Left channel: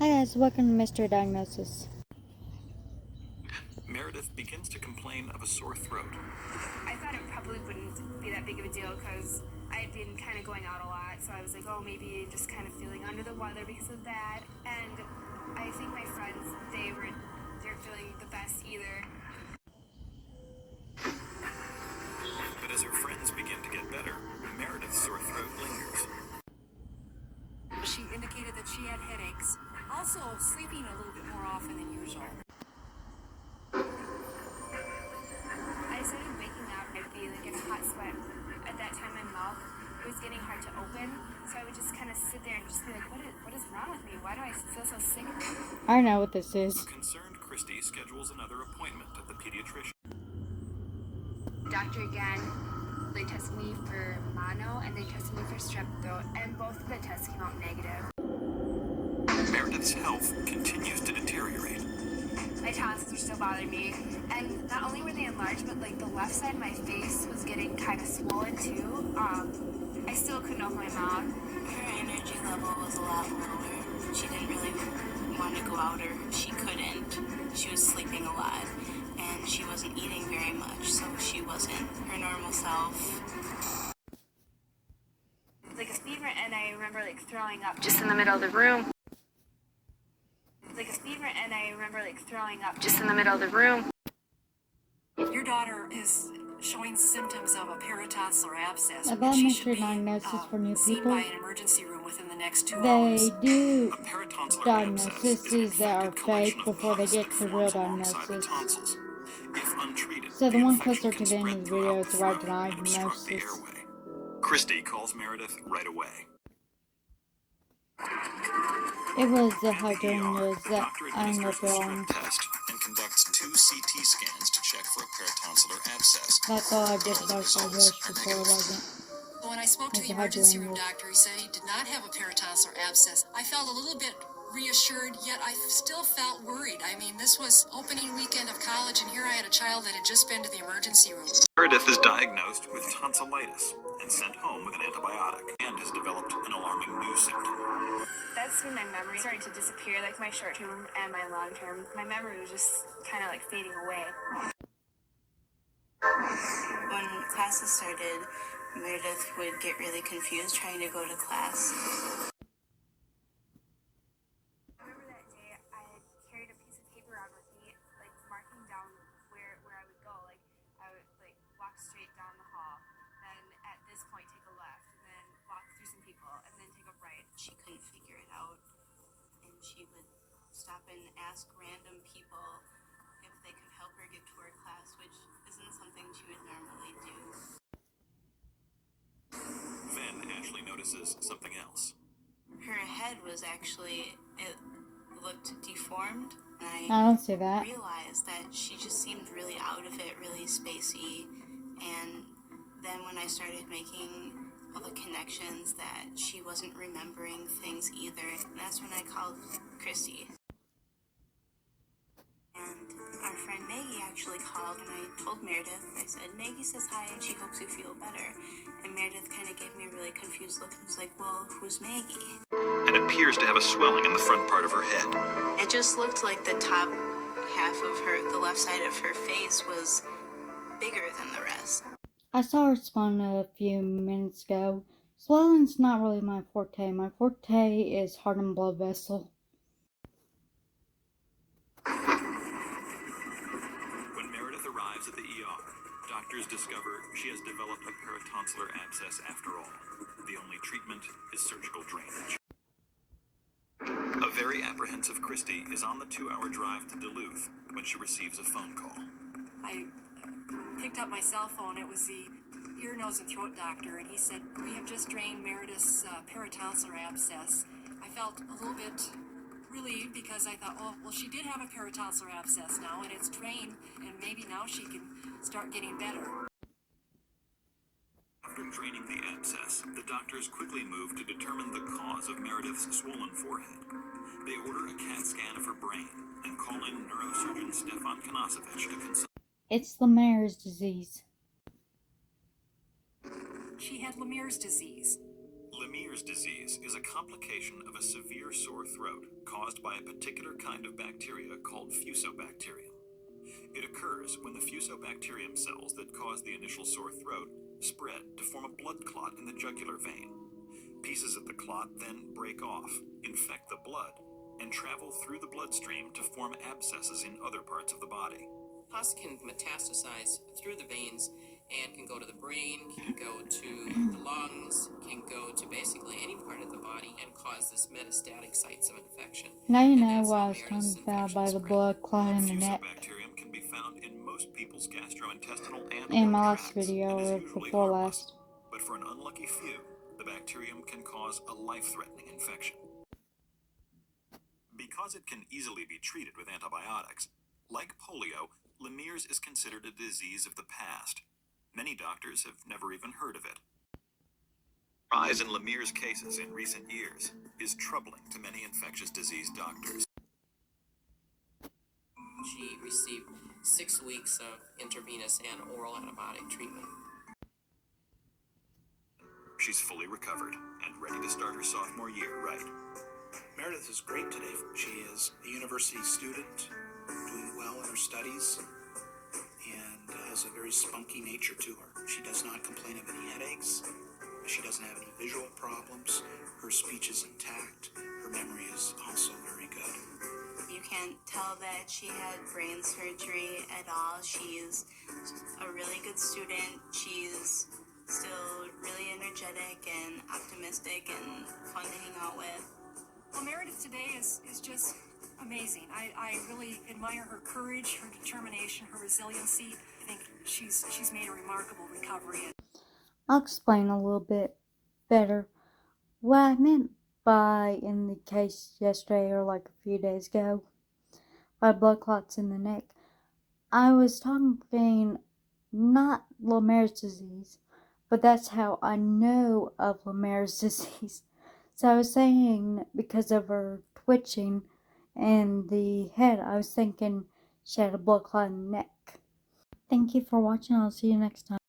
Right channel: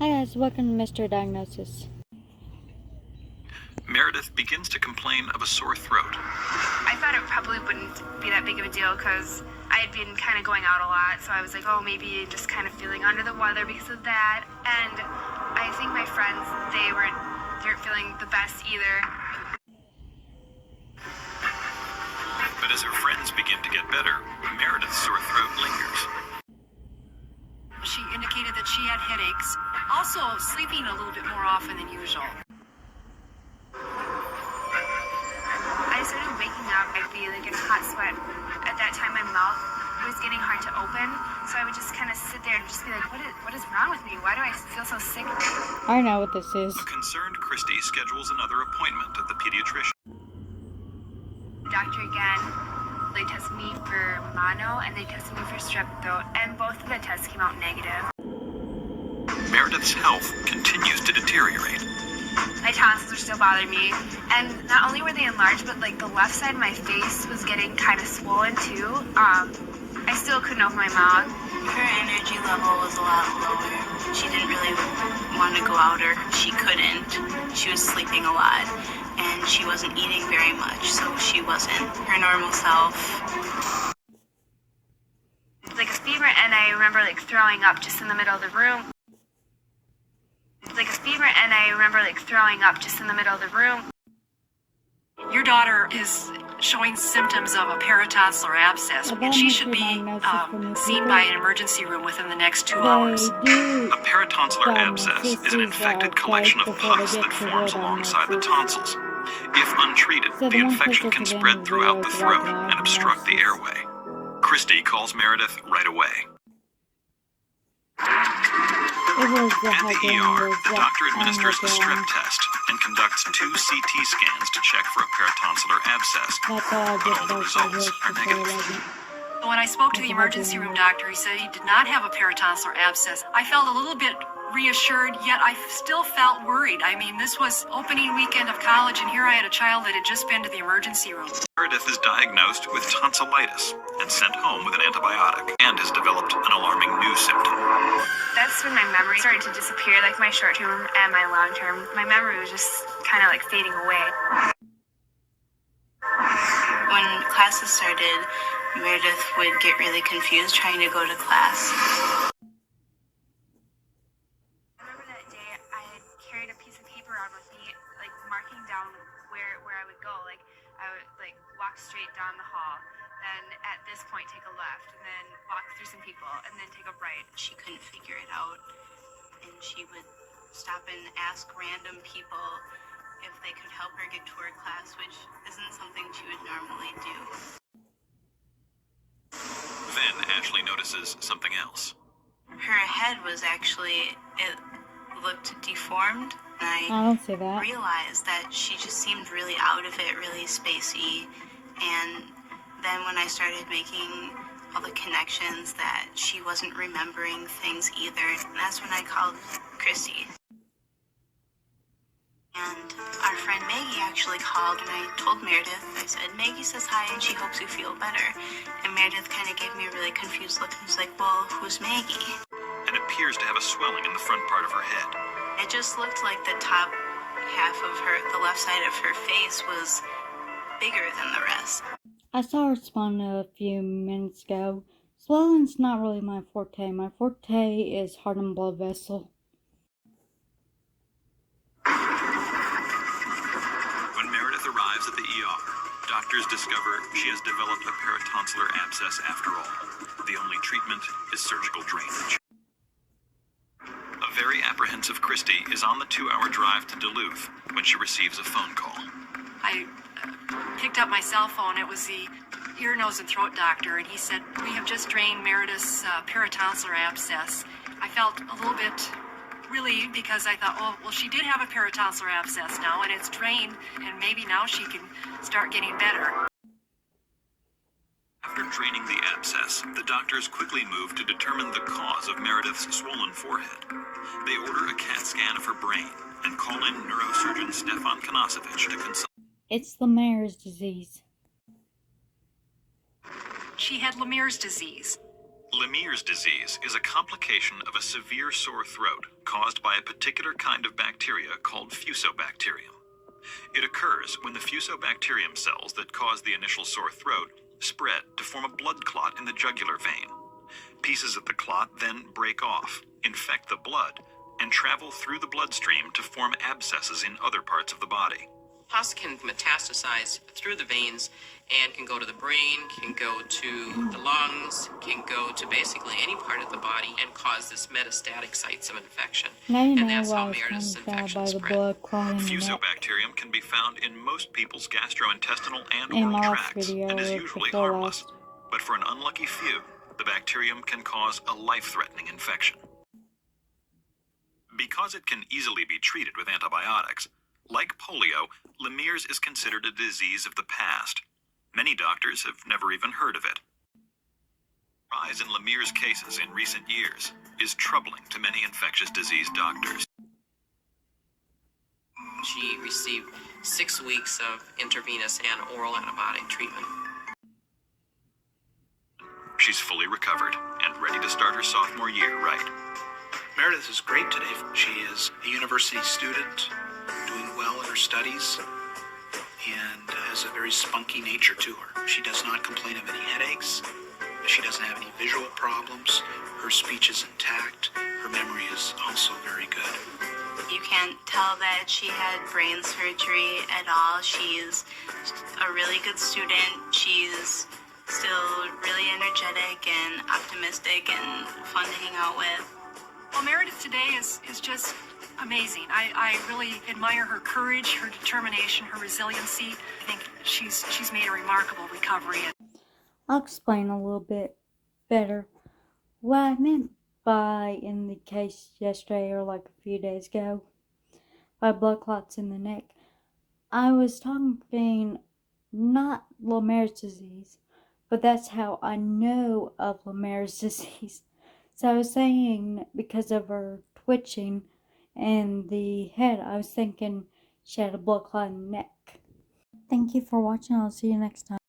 Hi guys, welcome to Mystery Diagnosis. Meredith begins to complain of a sore throat. I thought it probably wouldn't be that big of a deal because I had been kind of going out a lot, so I was like, oh, maybe just kind of feeling under the weather because of that. And I think my friends, they weren't feeling the best either. But as her friends begin to get better, Meredith's sore throat lingers. She indicated that she had headaches, also sleeping a little bit more often than usual. I started waking up, I'd be like in a hot sweat. At that time, my mouth was getting hard to open, so I would just kind of sit there and just be like, what is wrong with me? Why do I feel so sick? I know what this is. A concerned Christy schedules another appointment at the pediatrician. Doctor again, they tested me for mono and they tested me for strep throat, and both of the tests came out negative. Meredith's health continues to deteriorate. My tonsils were still bothering me, and not only were they enlarged, but like the left side of my face was getting kind of swollen too. I still couldn't open my mouth. Her energy level was a lot lower. She didn't really want to go out, or she couldn't. She was sleeping a lot, and she wasn't eating very much, so she wasn't her normal self. Like a fever, and I remember like throwing up just in the middle of the room. Your daughter is showing symptoms of a peritonsillar abscess, About and she should Mystery be Diagnosis for new seen people. by an emergency room within the next 2 They hours. do A peritonsillar abscess diagnosis is an these are infected collection fake of before they pus get that to real forms alongside the diagnosis. tonsils. If untreated, So the the one infection closer can to the end spread of the throughout video the is the throat right and obstruct the diagnosis. airway. Christy calls Meredith right away. It was the At the hygiene ER, was the doctor administers a strep wrong. test and conducts 2 CT scans to check for a peritonsillar abscess. That's all I But did all the about the results wish are before it negative. wasn't. When I spoke to the That's a emergency hygiene room risk. doctor, he said he did not have a peritonsillar abscess. I felt a little bit reassured, yet I still felt worried. I mean, this was opening weekend of college, and here I had a child that had just been to the emergency room. Meredith is diagnosed with tonsillitis and sent home with an antibiotic and has developed an alarming new symptom. That's when my memory started to disappear, like my short term and my long term. My memory was just kind of like fading away. When classes started, Meredith would get really confused trying to go to class. I remember that day I had carried a piece of paper around with me, like marking down where I would go. Like I would like walk straight down the hall, then at this point take a left, and then walk through some people, and then take a right. She couldn't figure it out, and she would stop and ask random people if they could help her get to her class, which isn't something she would normally do. Then Ashley notices something else. Her head was actually, it looked deformed, and I I don't see that. realized that she just seemed really out of it, really spacey. And then when I started making all the connections that she wasn't remembering things either, that's when I called Christy. And our friend Maggie actually called, and I told Meredith, I said, Maggie says hi and she hopes you feel better. And Meredith kind of gave me a really confused look and was like, well, who's Maggie? And appears to have a swelling in the front part of her head. It just looked like the top half of her, the left side of her face was bigger than the rest. I saw her spawn a few minutes ago. Swelling's not really my forte. My forte is heart and blood vessel. When Meredith arrives at the ER, doctors discover she has developed a peritonsillar abscess after all. The only treatment is surgical drainage. A very apprehensive Christy is on the 2-hour drive to Duluth when she receives a phone call. I picked up my cell phone. It was the ear, nose, and throat doctor, and he said, we have just drained Meredith's peritonsillar abscess. I felt a little bit relieved because I thought, oh, well, she did have a peritonsillar abscess now, and it's drained, and maybe now she can start getting better. After draining the abscess, the doctors quickly move to determine the cause of Meredith's swollen forehead. They order a CAT scan of her brain and call in neurosurgeon Stefan Konasevich to consult. It's Lemierre's disease. She had Lemierre's disease. Lemierre's disease is a complication of a severe sore throat caused by a particular kind of bacteria called fusobacterium. It occurs when the fusobacterium cells that cause the initial sore throat spread to form a blood clot in the jugular vein. Pieces of the clot then break off, infect the blood, and travel through the bloodstream to form abscesses in other parts of the body. Pus can metastasize through the veins and can go to the brain, can go to the lungs, can go to basically any part of the body and cause this metastatic sites of infection. Now you And know that's why how I was Meredith's talking about infection by the spread. blood clot in the neck. Fusobacterium can be found in most people's gastrointestinal and In oral my last tracts video, and is or usually before harmless. last. But for an unlucky few, the bacterium can cause a life-threatening infection. Because it can easily be treated with antibiotics, like polio, Lemierre's is considered a disease of the past. Many doctors have never even heard of it. The rise in Lemierre's cases in recent years is troubling to many infectious disease doctors. She received 6 weeks of intravenous and oral antibiotic treatment. She's fully recovered and ready to start her sophomore year right. Meredith is great today. She is a university student, doing well in her studies, and has a very spunky nature to her. She does not complain of any headaches. She doesn't have any visual problems. Her speech is intact. Her memory is also very good. You can't tell that she had brain surgery at all. She's a really good student. She's still really energetic and optimistic and fun to hang out with. Well, Meredith today is just amazing. I really admire her courage, her determination, her resiliency. I think she's made a remarkable recovery. I'll explain a little bit better what I meant by, in the case yesterday or like a few days ago, by blood clots in the neck. I was talking not Lemierre's disease, but that's how I know of Lemierre's disease. So I was saying because of her twitching and the head, I was thinking she had a blood clot in the neck. Thank you for watching. I'll see you next time.